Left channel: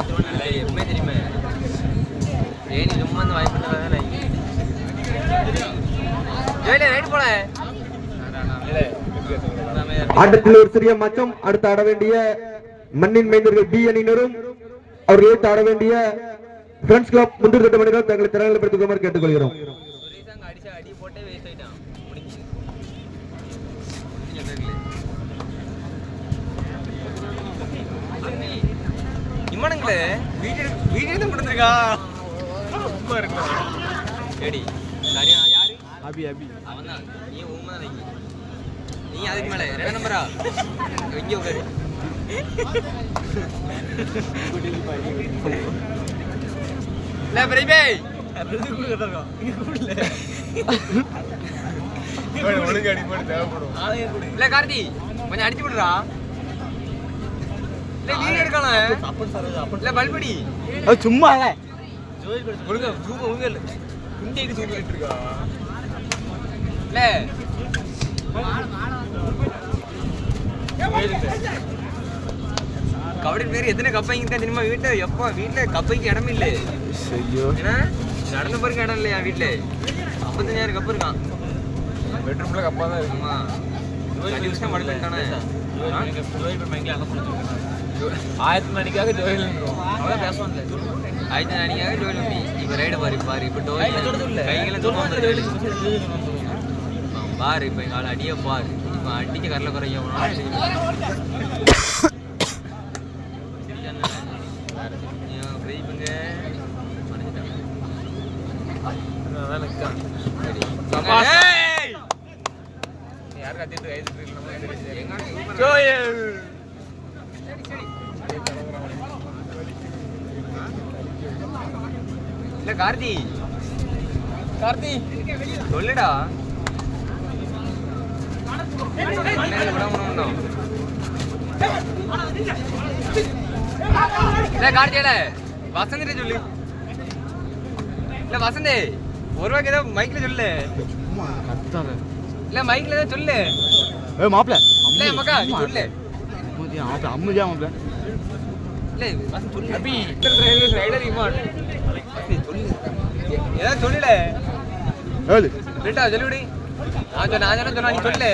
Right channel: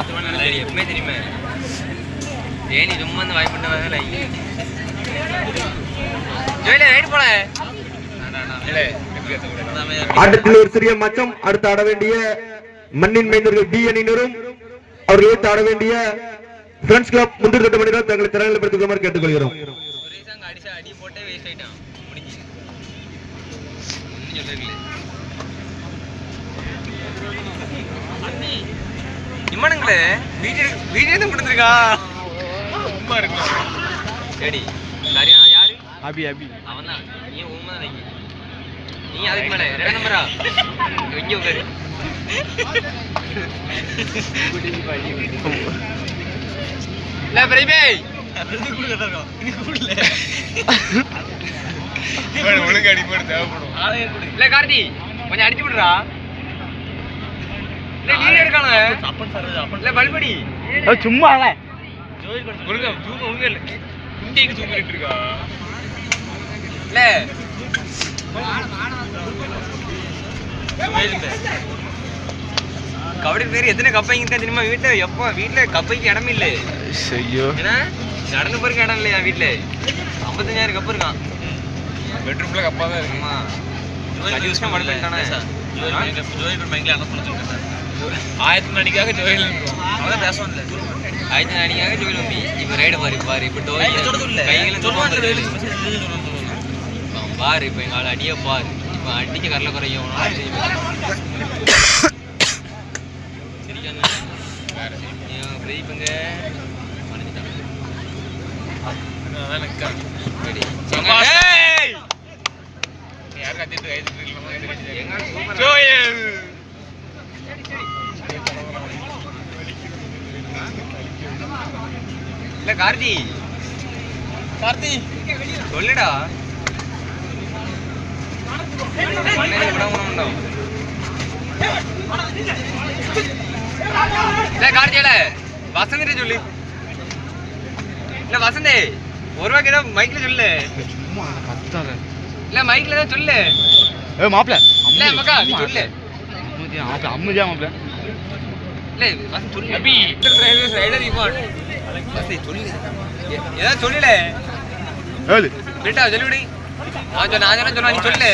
எப்பவுமே தெரியுமே ஏன் சும்மா வந்து வாய்ப்பு பண்ண போல ஆட்டத்தில் ஒரு சிறிய மச்சம். அடுத்து ஆட வேண்டிய மண்ணின் மைந்தர்கள் டி அணியினரும் அவர்கள் எடுத்து ஆட வேண்டிய ஃப்ரெண்ட்ஸ் கிளப் முந்திரி தட்டு மணிகள் தங்களை திறன்களை படுத்துக்குமாறு கேட்டுக்கொள்கிறோம். இம்மானுங்களே வீடியோ கொடுத்துருக்கா சரி சரியா யாரு அபி அவன் தான் நீ உண்மை தான் நீ அதுக்கு மேலே 2 நம்பரா இங்கே உட்காரு இல்லை பிரதீபே ஒழுங்கு அடிப்படை தேவைப்படும். இல்லை கார்த்தி கொஞ்சம் அடிச்சு விடுறா. இல்லை வீடியோ எடுக்கான இல்லை பல்படி சும்மா ஒழுங்கா ஜூம் ஒழுங்கு இல்லை இந்திக்கு ஜூம் பண்ணிட்டு இருக்கா இல்லை கபடி பேர் எத்தனை கப்பைங்க இருக்கா தெரியுமா வீட்டில்? எப்போ வீட்டில் கப்பைக்கு இடமே இல்லை. ஏன்னா நடந்து போறதுக்கு இடம் இல்லையா வீட்டில்? 55,000 கப்பு இருக்கான். பெட்ரூம்ல கப்பா தான் இருக்குமா? 5 வருஷம் மடக்கிட்டானே. ஆயிரத்தி அடிக்காக ஜோயில் அதான் பேசுவோம் இல்லை. ஆயிரத்தி அடிக்காக ஜோயில் வந்து இப்போ ரைடு பாரு இப்போ டோயில் கைகளும் பாரு இப்போ எங்கள் ஆள் அடியே பாரு இப்போ அடிக்க கரல குறையும் பிரதீபங்க யார் கத்திட்டு இல்ல கார்த்தி சொல்லுடா இல்ல கார்த்தியோட வசந்திட்ட சொல்லு. இல்ல வசந்தே ஒரு ரூபாய்க்கு ஏதோ மைக்ல சொல்லு. இல்ல மைக்ல தான் சொல்லு. மாப்பிள்ள இல்ல மக்கா நீ சொல்லு. அம்முஜா மாப்பிள்ள இல்ல வசந்த் சொல்லு. அபி ரைடர் ரிமோட் வசந்த் சொல்லு. ஏதோ சொல்லல ஏழு கேட்டா சொல்லுடி. நான் சொன்னா நீ சொல்லு.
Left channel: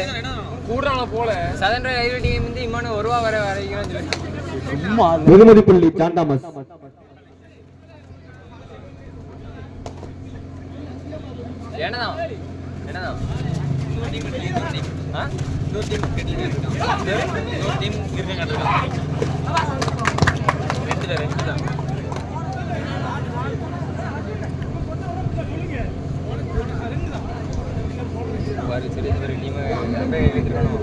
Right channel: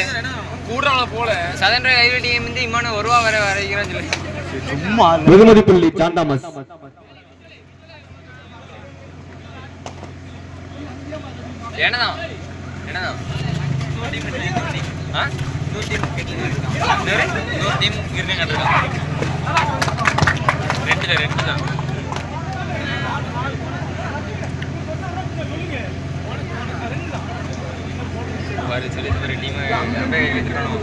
கூடுறவன போல சதன் ரயில்வே டீம் வந்து இம்மான ஒரு ரூபா வர வரைக்கிறான்னு சொல்லு. சும்மா வெகுமதி புள்ளி ஜான் தாமஸ். என்னதான் ரெண்டு தான் சொல்லி ஒரு டீம் எடுத்துக்கணும்.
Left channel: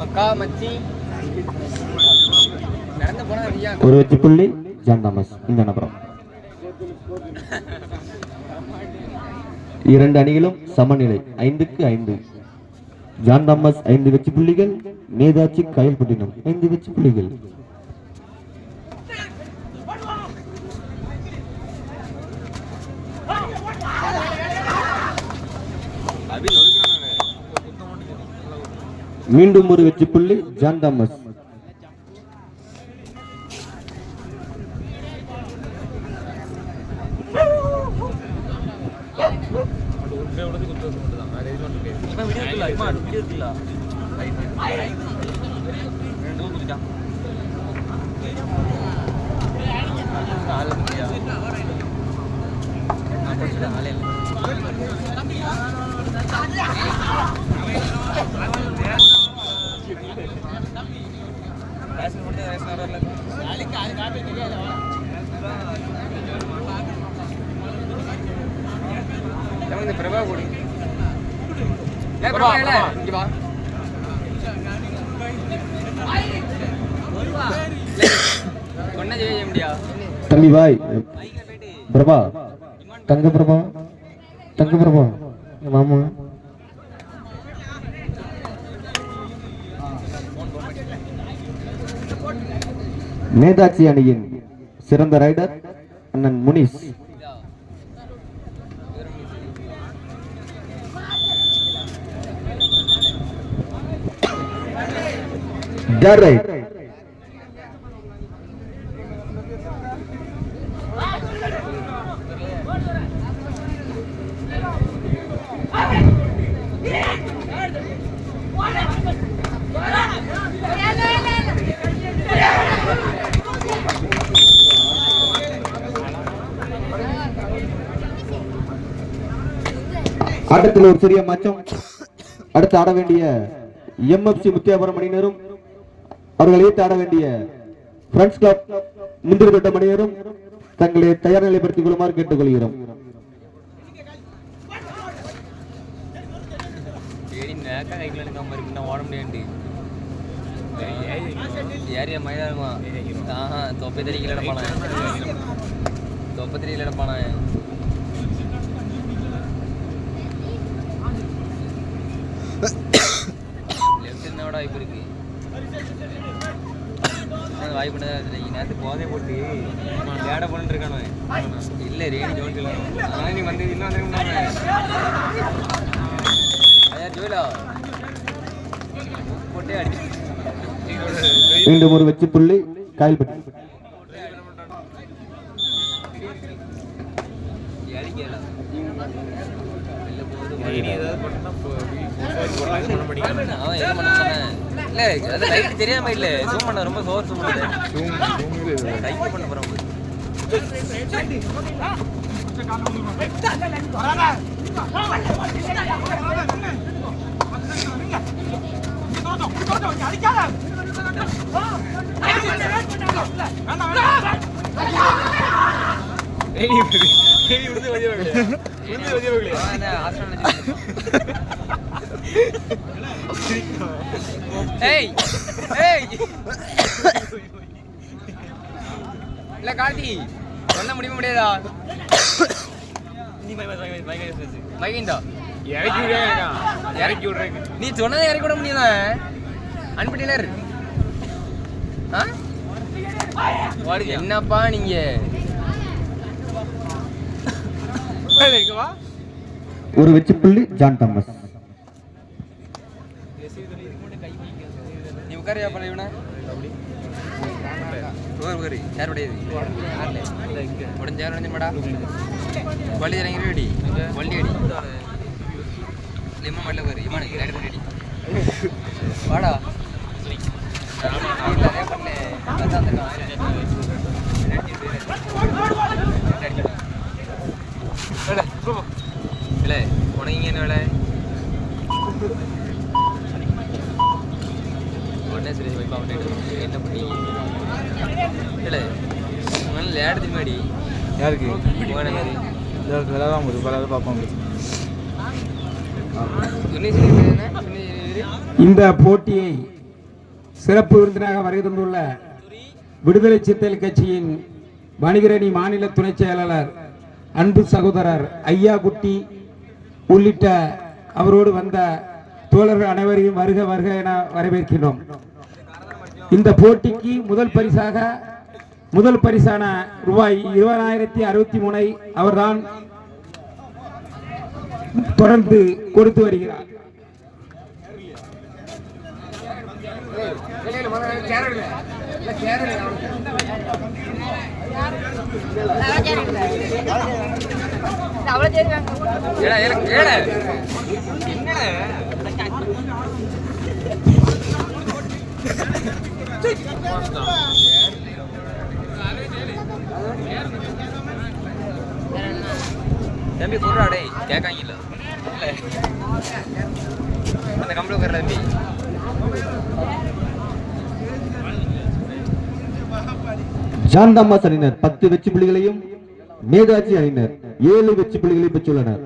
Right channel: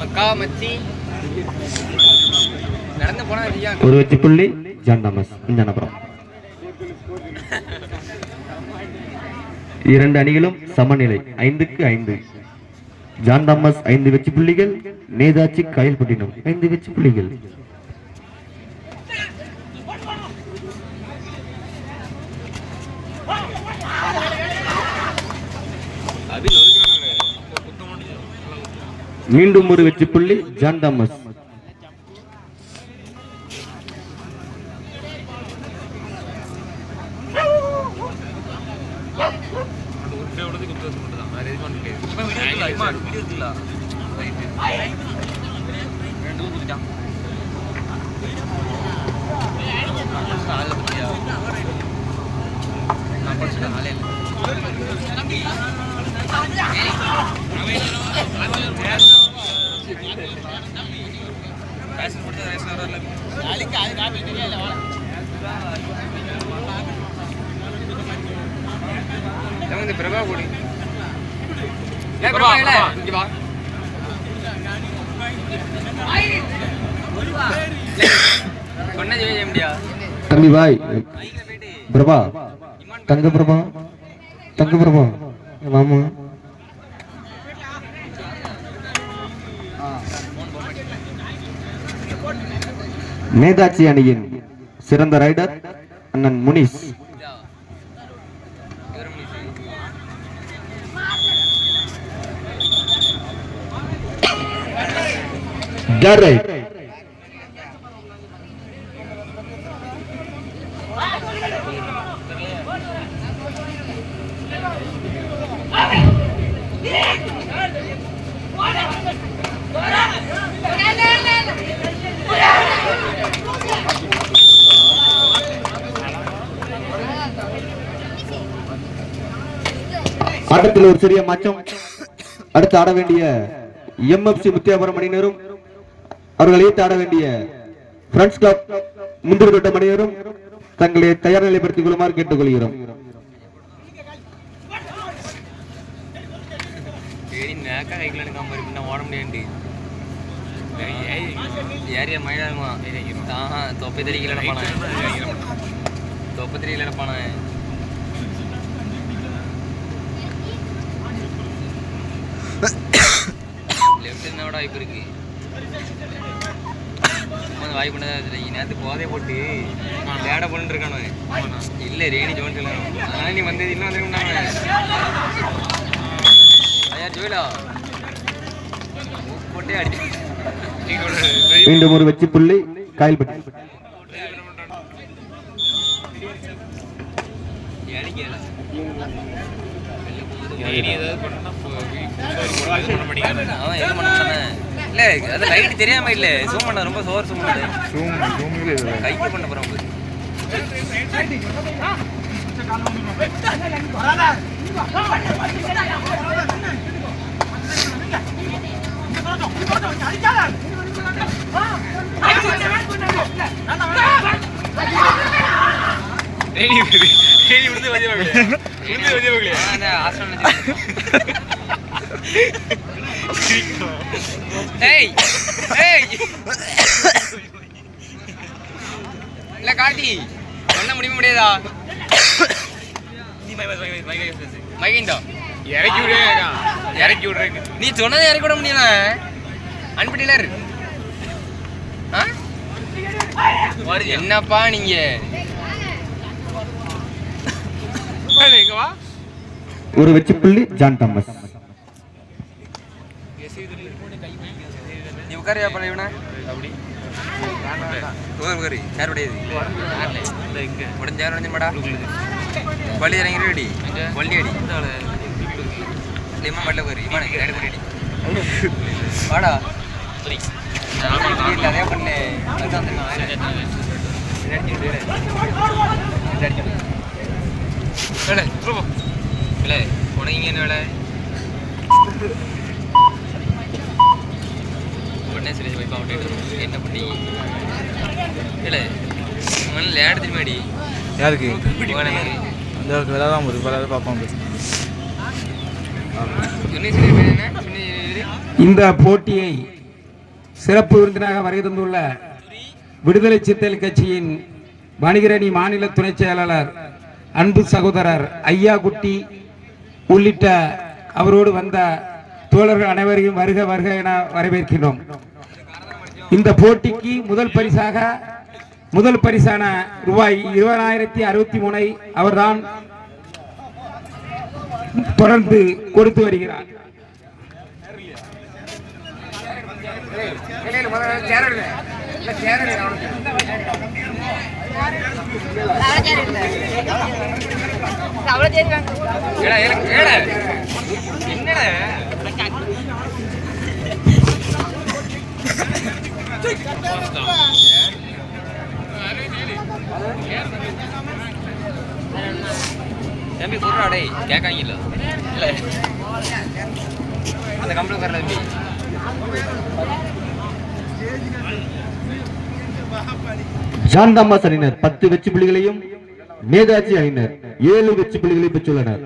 மக்கா மச்சி நடந்து போனா ஒரு வெற்றி புள்ளி ஜான் தாமஸ். இந்த நபரம் 2 அணிகளும் சமநிலை 5க்கு 5. ஜான் தாமஸ் 5 வெற்றி புள்ளிகள், நேதாஜி காயல்பட்டினம் 5 வெற்றி புள்ளிகள். மீண்டும் ஒரு வெற்றி புள்ளி ஜான் தாமஸ். பிரபா கூடி தம்பி பாய் பிரபா தங்க பிரபா மாமா நேதாஜி அணியின் சிறந்த ரைடர் அண்ணன் முனிஸ் Get right. ஆட்டத்தில் ஒரு சிறிய மாற்றம். அடுத்து ஆட வேண்டிய எம்எஃப்சி முத்தியாபுரம் அணியினரும் அவர்கள் ஏற்று ஆட வேண்டிய ஃப்ரெண்ட்ஸ் கிளப் முந்திரித்தோட்ட அணியினரும் தங்களை தயார் நிலைப்படுத்திக் கொள்ளுமாறு கேட்டுக்கொள்கிறோம். ஓட முடியாது ஏரியா மழைமா தொப்பை தெரியல தொப்பை தெரியல பான லெஃப்ட் வாய்ப்பு இருக்கு. வாய்ப்பு நேரத்துக்கு போதை போட்டு தேட பண்ணிட்டு இருக்கானு இல்லை ரேணி ஜோன் ஆனால் நீ வந்தது இன்னும் வந்துருக்காங்க ஜோயிலா போட்டே அடி. மீண்டும் ஒரு வெற்றி புள்ளி காயல்பட்டி. தெரியாம இல்ல ஜூம் பண்ண ரொம்ப சோர் ஜூம் பண்ண கைக்கு பண்ண போறோம். இல்ல கார்த்தி சொல்ல முடியுமா முடியாதா? இறக்கி விடுறேன் நீ சொன்னதை இறக்கி விட முடியல அனுப்பிட்டீங்களா? என்னப்பா நீங்க ஒரு வெற்றி புள்ளி ஜான் தாமஸ். நீ உட்காரியா பண்ண இவனை உட்காரி யார் உடையது உடஞ்ச யார் உடஞ்சமாடா வள்ளி இறங்கி ரெடி வள்ளி அடி மல்ல உட்காரி ரெடி வாடா அதே பண்ணு இல்லை உனக்கு என்ன வேலை உடனே சொல்லி வைப்பா என்ன பண்ணி இல்லை லேடு திரும்பிடி யாருக்கு யாரு விளையாடாம ஒரு பல பார்ப்போம். இந்த போட்டியை சிறப்பு விருந்தினராக வருகை தந்துள்ள விடுதலை சிறுத்தைகள் கட்சியின் வணிகரணி மாநில துணை செயலாளர் அன்பு சகோதரர் ஐயா குட்டி உள்ளிட்ட அவரோடு வந்த தோழர்கள் அனைவரையும் வருக வருக என வரவேற்கிறோம். இந்த போட்டிக்கு முதல் பரிசான ரூபாய் 20,063 அவர்தான் தொடர்ந்து கொடுத்து வருகிறார். தம்பி சொல்றாடே கேட்காங்க இல்ல அந்த கம்பெனி உட்கார தம்பி ஜான் தாமஸ் அணியினர் 10 வெற்றி புள்ளிகளையும் நேதாஜி அணியினர் 7 வெற்றி புள்ளிகளை பெற்றுள்ளனர்.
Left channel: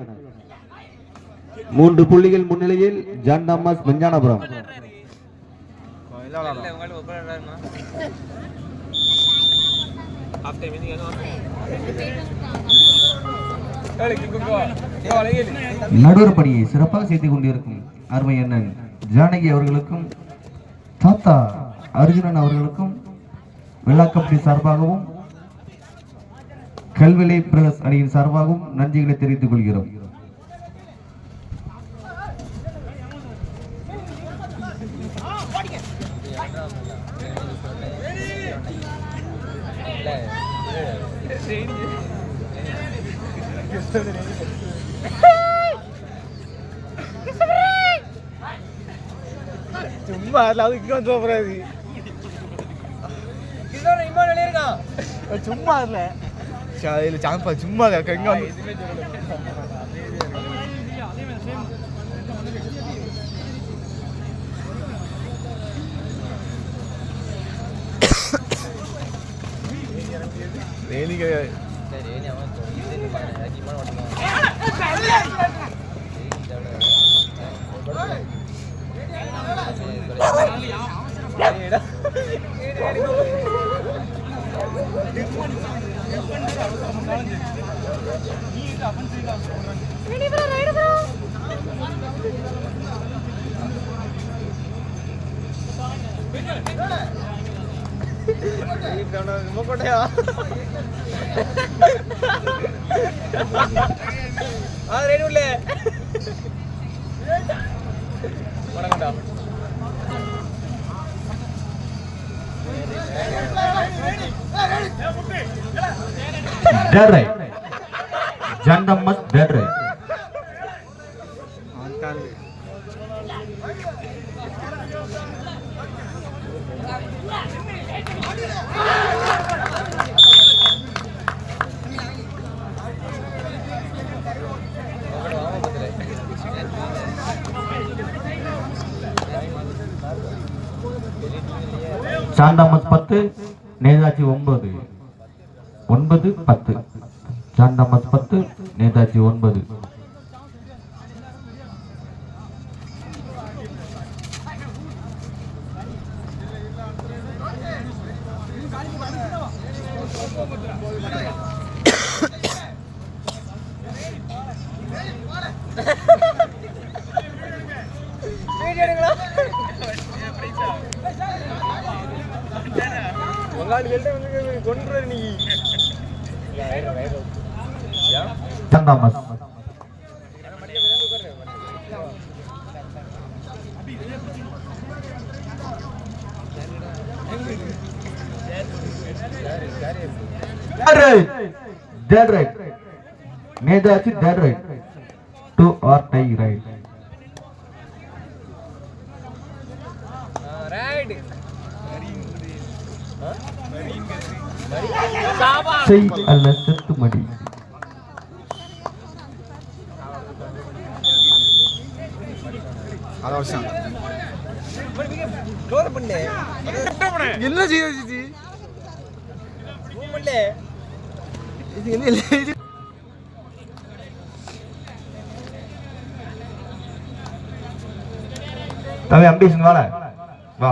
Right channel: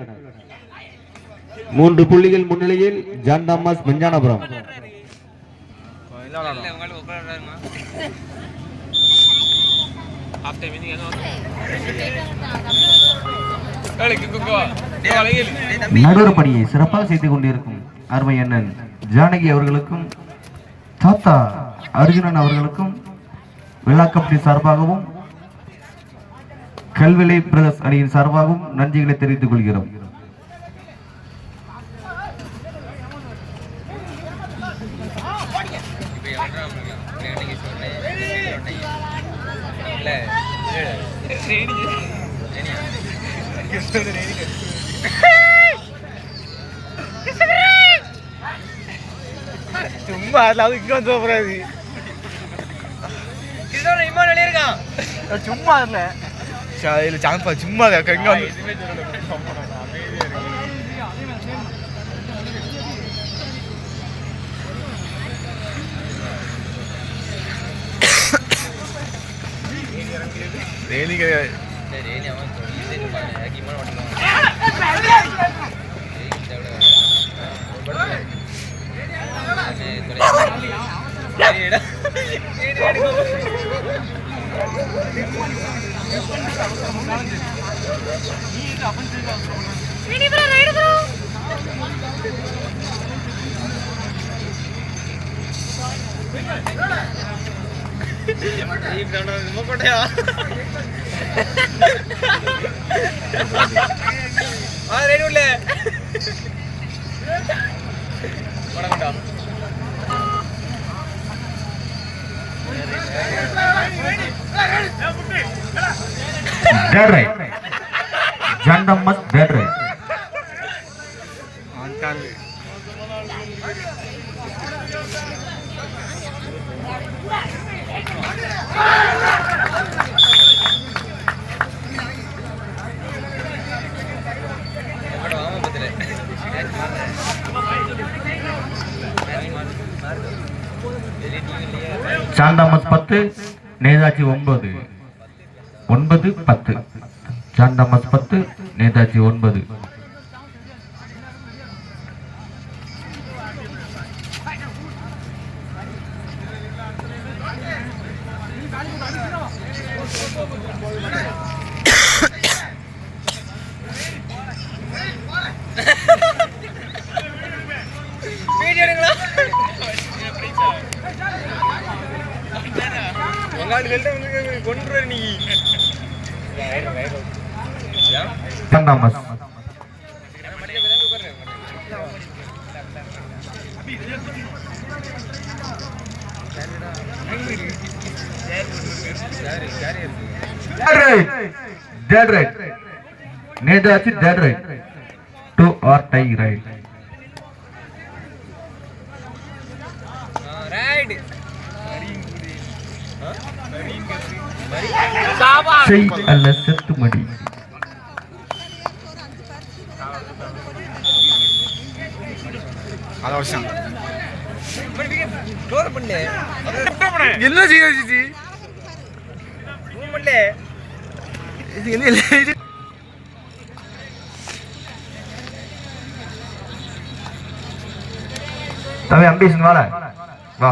3 புள்ளிகள் முன்னிலையில் ஜான் தாமஸ் மெஞ்ஞானபுரம். நடுவர் பணியை சிறப்பாக செய்து கொண்டிருக்கும் அருமை அண்ணன் ஜானகி அவர்களுக்கும் தாத்தா அர்ஜுனன் அவர்களுக்கும் விழா கமிட்டி சார்பாகவும் கல்விலை பிரதர்ஸ் அணியின் சார்பாகவும் நன்றிகளை தெரிவித்துக் கொள்கிறோம். இப்போ சும்மா அது இங்க வந்து போறாது இதுதான் இம்மா நிலையிருக்கான் சும்மா இல்ல இல்ல சாம்பா சும்மா இங்க வந்து ரேலி கிடையாது ரேலி அவன் இது இம்மா ஓட்டுவான் வணக்கம்டா dead right. John Thomas dead right. John Thomas 10, Netaji 9. 9-10. John Thomas 10, Netaji 9. கொண்டு நீ John Thomas. Dead right. Netaji dead right. 2 or tie right. Right செய் அல்ல செத்து மடி. அவசியம் என்ன செய்ய தம்பி அம்பீஷன் வாடா வா.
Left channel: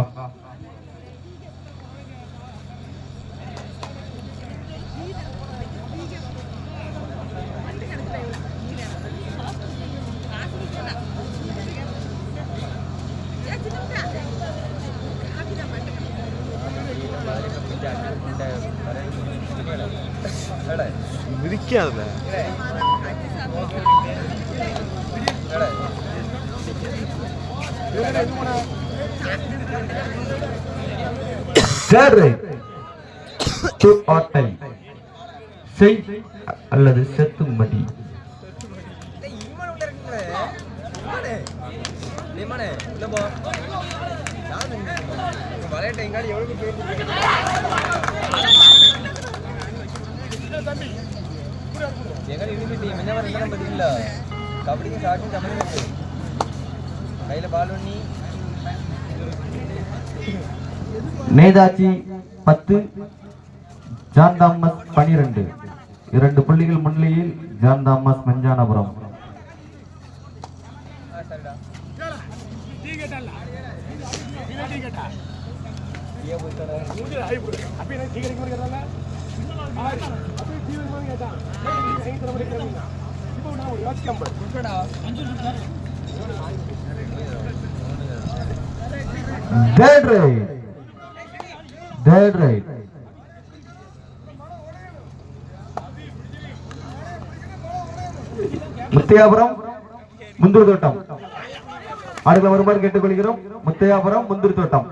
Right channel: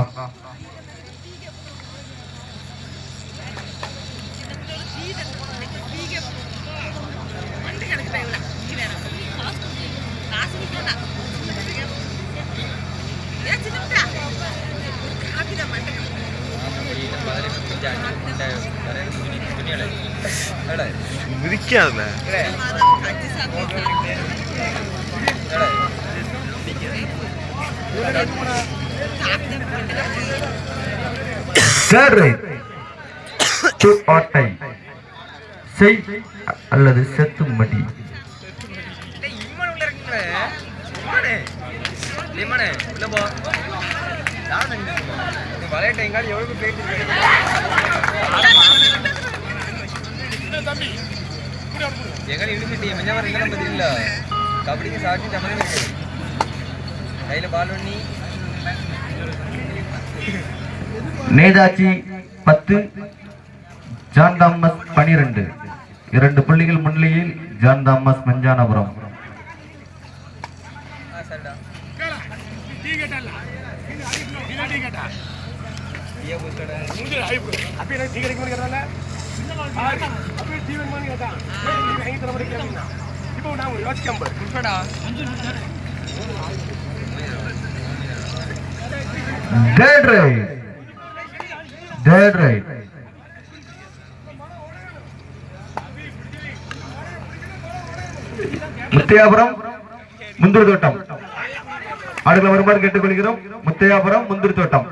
மிதிக்காதுல செய் அல்லது செத்து மடி. கபடிக்கு சாட்சி சம்மந்தம் இருக்கு கையில பால் பண்ணி. Netaji 10, John Thomas 12. 2 புள்ளிகள் முன்னிலையில் John Thomas Manjanapuram. Dead right. Dead right. Muthaiyapuram முந்திரி தோட்டம் ஆடுகளை வருமாறு கேட்டுக்கொள்கிறோம். முத்தையாபுரம் முந்திரி தோட்டம்.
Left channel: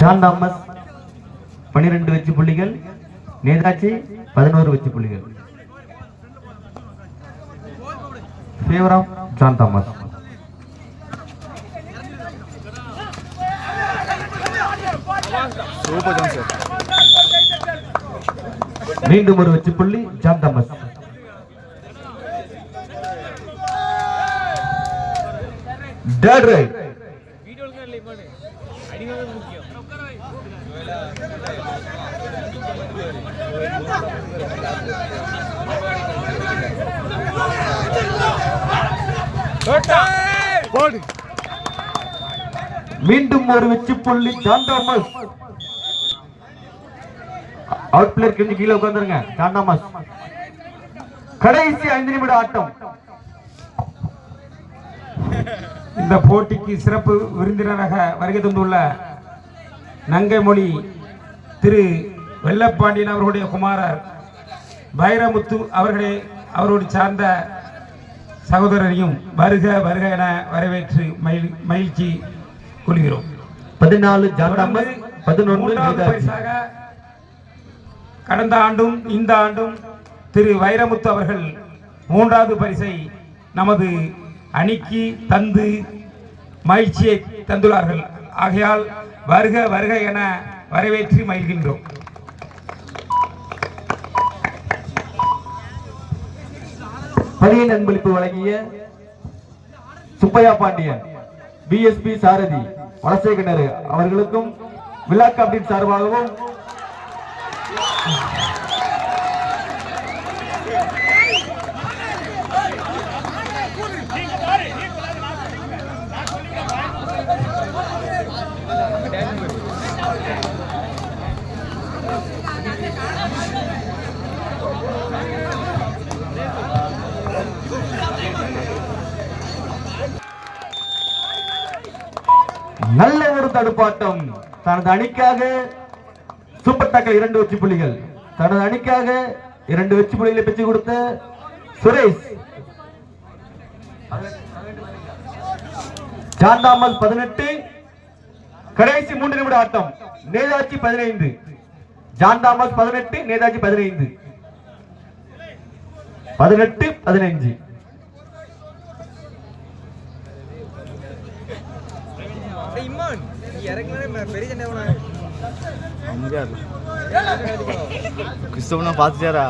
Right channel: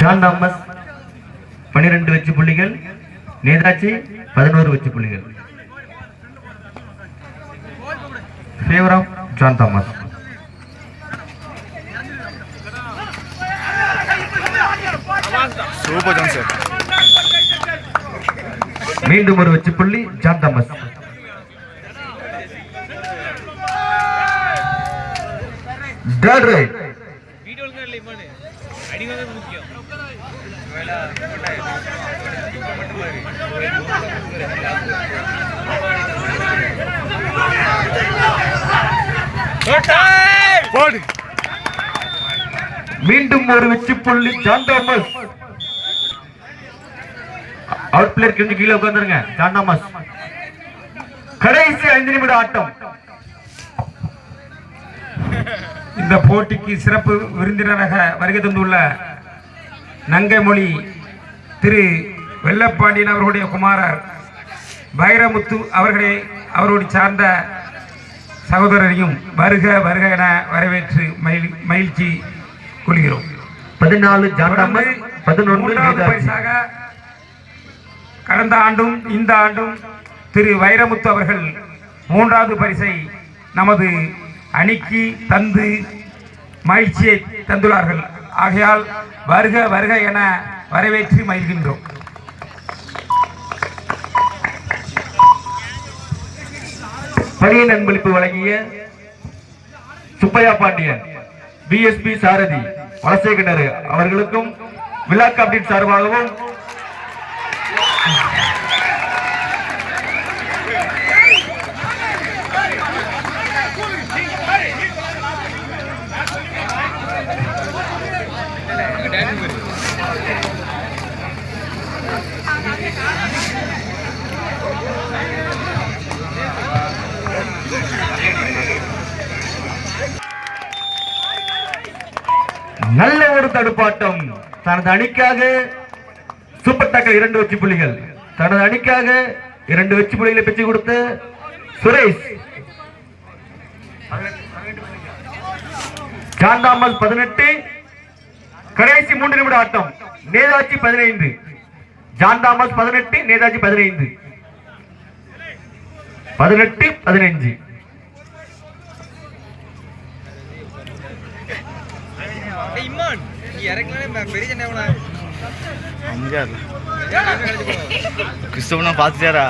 ஜான் தாமஸ் 12 வெற்றி புள்ளிகள், நேதாஜி 11 வெற்றி புள்ளிகள். Favour of John Thomas. Super John sir. மீண்டும் ஒரு வெற்றி புள்ளி ஜான் தாமஸ். Dead right. மீண்டும் ஒரு வெற்றி புள்ளி ஜான் தாமஸ். அவுட் பிளேயர் கொஞ்சம் கீழே உட்கார்ந்துருங்க. John Thomas. கடைசி 5 நிமிட ஆட்டம். இந்த போட்டிக்கு சிறப்பு விருந்தினராக வருகை தந்துள்ள நங்கைமொழி திரு வெள்ளப்பாண்டியன் அவர்களுடைய குமாரர் வைரமுத்து அவர்களை அவரோடு சார்ந்த சகோதரரையும் வருக வருக என வரவேற்று மகிழ்ச்சி கொள்கிறோம். 14 ஜான் தாமஸ், 11 பரிசாக கடந்த ஆண்டும் இந்த ஆண்டும் திரு வைரமுத்து அவர்கள் 3வது பரிசை நமது அணிக்கு தந்து மகிழ்ச்சியை தந்துள்ளார்கள். ஆகையால் வருக வருக என வரவேற்று மகிழ்கின்றோம். பணியின் அன்பளிப்பு வழங்கிய சுப்பையா பாண்டியன், பிஎஸ்பி சாரதி, வலசை கிணறு அவர்களுக்கும் விழா கமிட்டியின் சார்பாகவும் நல்ல ஒரு தடுப்பாட்டம். தனது அணிக்காக சூப்பர் டாக்கல் 2 வெற்றி புள்ளிகள். தனது அணிக்காக 2 வெற்றி புள்ளிகளை பெற்றுக் கொடுத்த சுரேஷ். John Thomas 18. கடைசி 3 நிமிட ஆட்டம். நேதாஜி 15. John Thomas 18, Netaji 15. 18, 15. கிறிஸ்தவனா பாத்துட்டாரா?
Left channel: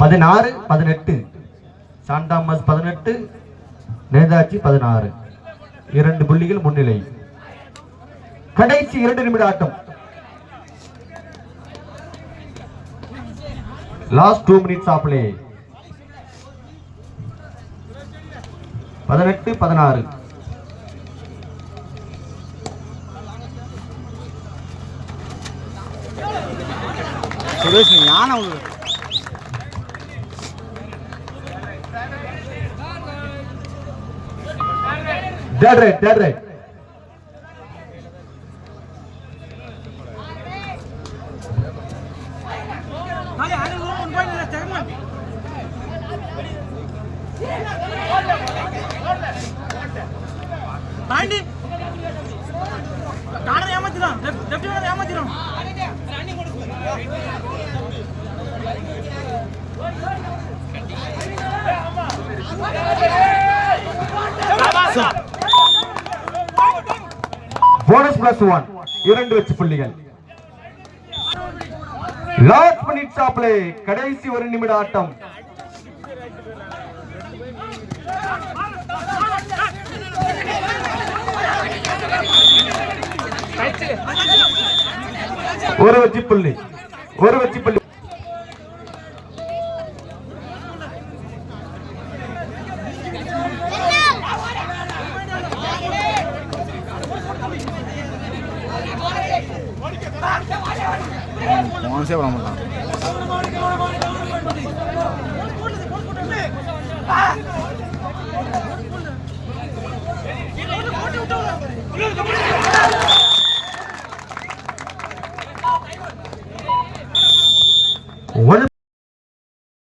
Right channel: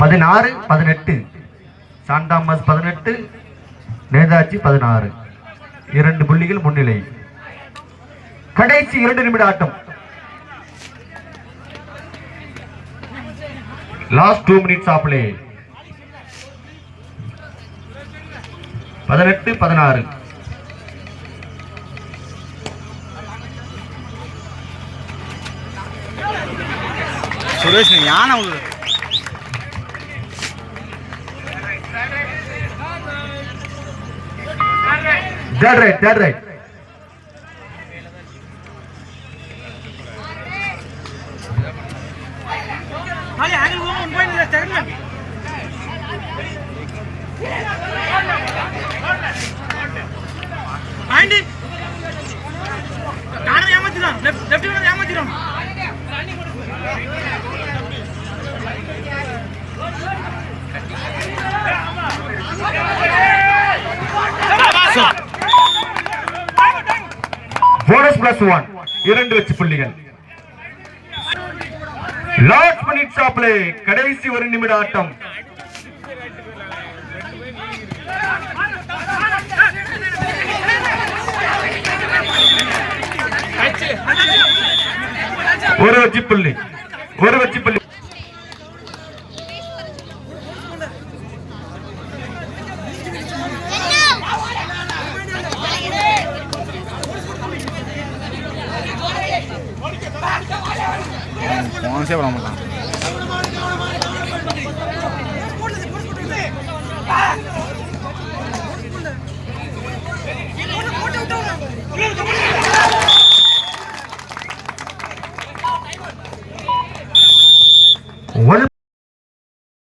பதினாறு 18. John Thomas 18, Netaji 16. 2 புள்ளிகள் முன்னிலை. கடைசி 2 நிமிட ஆட்டம். Last 2 minutes of play. 18, 16. Suresh யானை dead right. போனஸ் +1 2 வெற்றி புள்ளிகள். லாஸ்ட் மினிட் ஆஃப் பிளே, கடைசி 1 நிமிட ஆட்டம். ஒரு வெற்றி புள்ளி. போனஸே பண்ண மாட்டான்.